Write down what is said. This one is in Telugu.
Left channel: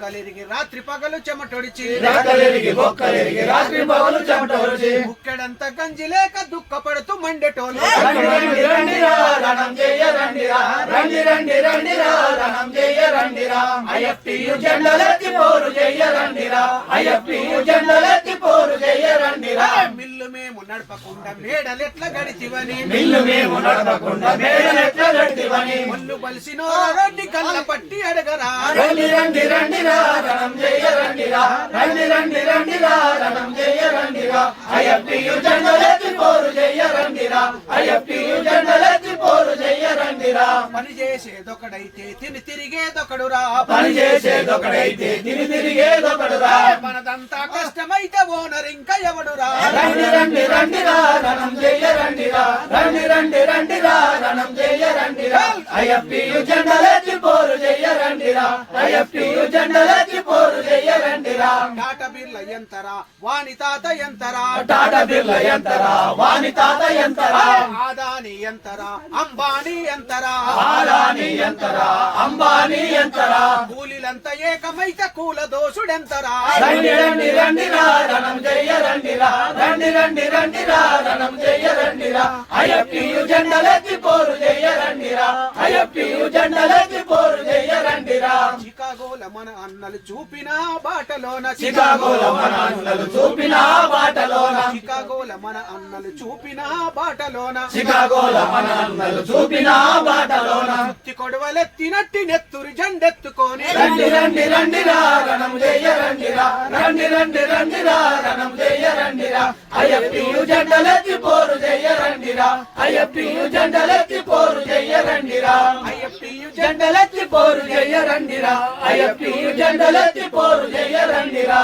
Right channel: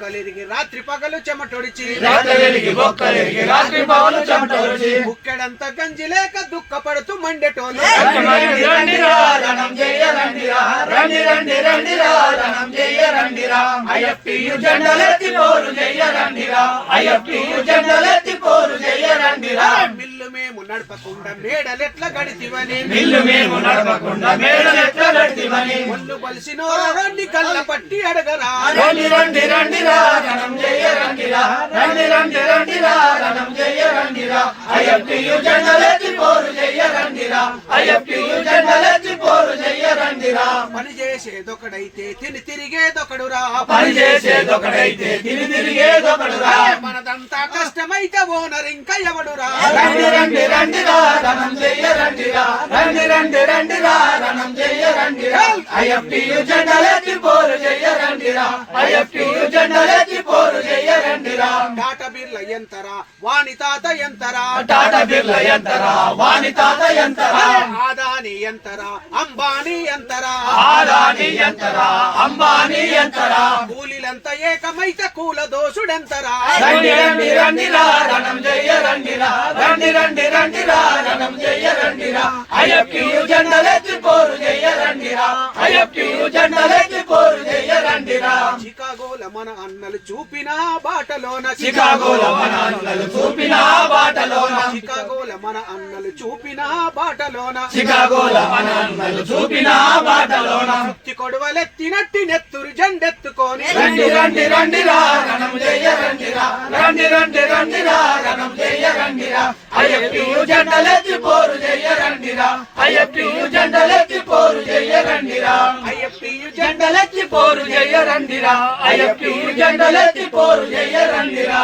బొక్కలిరిగి రాత్రి పగలు చెమటొడిచి ముక్కడంత గంజి లేక దుఃఖపడుతూ మండేటోలు మిల్లు మేము నడపకుండా మేడలెట్ల గడితివని ఒళ్ళు బలిసిన రండి కళ్ళ పట్టి అడగరా పని చేసేదొకడైతే తిని తిరిగేదొకడురా మనదంతా కష్టమైతే ఓనర్ ఇంకా ఎవడురా టాటా బిర్ల ఎంతరా వాణి తాత ఎంతరా ఆదాని ఎంతరా అంబానీ ఎంతరా కూలీలంతా ఏకమైతే కూల దోషుడెంతరా చికాగోల మన అన్నలు చూపిన బాటలోన చికాగోల మన అన్నలు చూపిన బాటలోన సుత్తి కొడవలెత్తినట్టి నెత్తురు జెండెత్తుకొని జెండలెత్తి పోరు చెయ్యరండిరా